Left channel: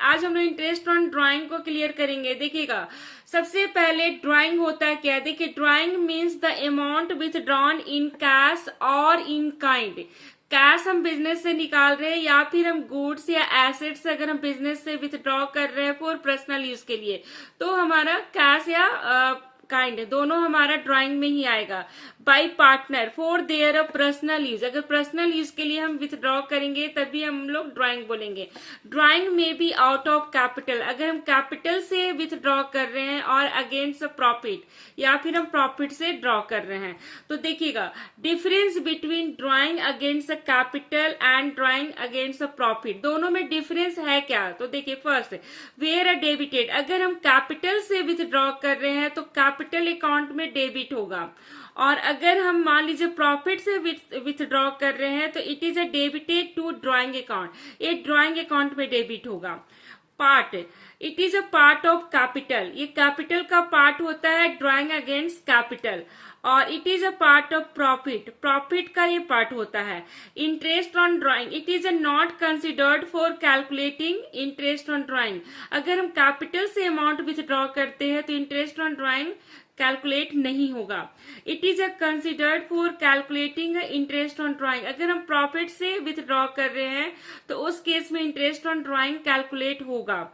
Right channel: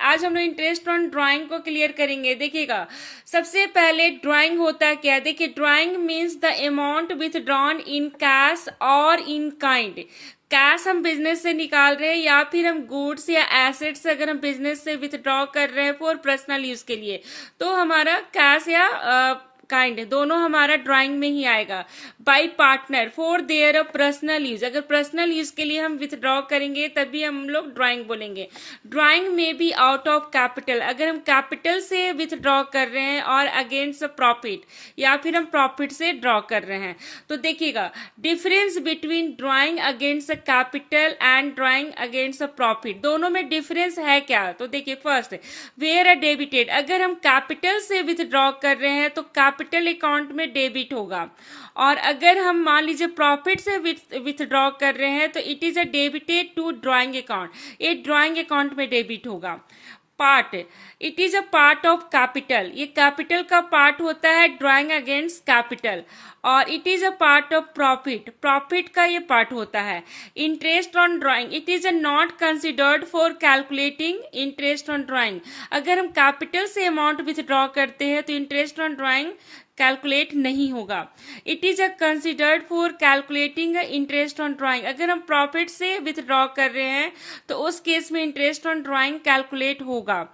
आज हम लोग इंटरेस्ट ऑन ड्राइंग को क्लियर करेंगे। देखिएगा, सबसे पहले ड्राइंग होता है क्या। देखिए, drawing means the amount withdrawn in cash और इन काइंड। कैश हम बिजनेस से निकाल रहे हैं या फिर हम गुड्स या एसेट्स अगर हम बिजनेस से विथड्रॉ कर रहे हैं फॉर पर्सनल यूज के लिए, तो हमारा कैश या काइंड दोनों हमारा ड्राइंग में ही आएगा। Bye partner for their personal use, अगर पर्सनल यूज के लिए हम विथड्रॉ करेंगे तभी हम लोग ड्राइंग बोलेंगे। ड्राइंग में भी आउट ऑफ कैपिटल, अगर हम कैपिटल से विथड्रॉ कर रहे हैं और अगेंस्ट प्रॉफिट या फिर हम प्रॉफिट से ड्रॉ कर रहे हैं। तो देखिएगा, difference between drawing against capital and drawing against profit, दोनों में डिफरेंस है क्या। तो देखिए, फर्स्ट वेयर डेबिटेड, अगर हम कैपिटल से विथड्रॉ कर रहे हैं तो कैपिटल अकाउंट में डेबिट होगा, और अगर हम मान लीजिए प्रॉफिट से विथड्रॉ कर रहे हैं तो it is a debited to drawing account, ये ड्राइंग अकाउंट में डेबिट होगा। Part, it is a part of capital, ये कैपिटल का पार्ट होता है ड्राइंग अगेंस्ट कैपिटल, और it is a part of profit, profit का ये पार्ट होता है। Interest on drawing, it is a not considered for calculating interest on drawing, अगर हम कैपिटल से अमाउंट विथड्रॉ करते हैं तो इंटरेस्ट ऑन ड्राइंग कैलकुलेट नहीं होगा। It is a considered for calculating interest on drawing, अगर हम प्रॉफिट से विथड्रॉ कर रहे हैं तो उस केस में इंटरेस्ट ऑन ड्राइंग कैलकुलेट होगा।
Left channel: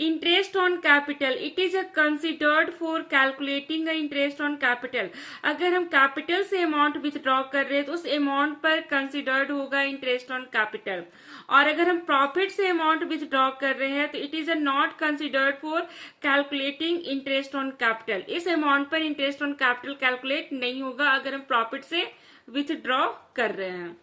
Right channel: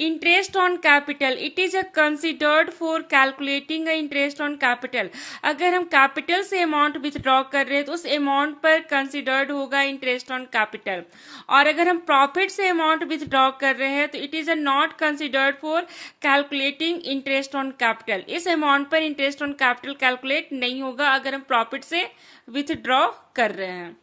Interest on capital, it is a considered for calculating interest on capital, अगर हम कैपिटल से अमाउंट विथड्रॉ कर रहे हैं तो उस अमाउंट पर कंसिडर्ड होगा इंटरेस्ट ऑन कैपिटल, और अगर हम प्रॉफिट से अमाउंट विथड्रॉ कर रहे हैं तो it is a not considered for calculating interest on capital, इस अमाउंट पर इंटरेस्ट ऑन कैपिटल कैलकुलेट नहीं होगा अगर हम प्रॉफिट से विथड्रॉ कर रहे हैं।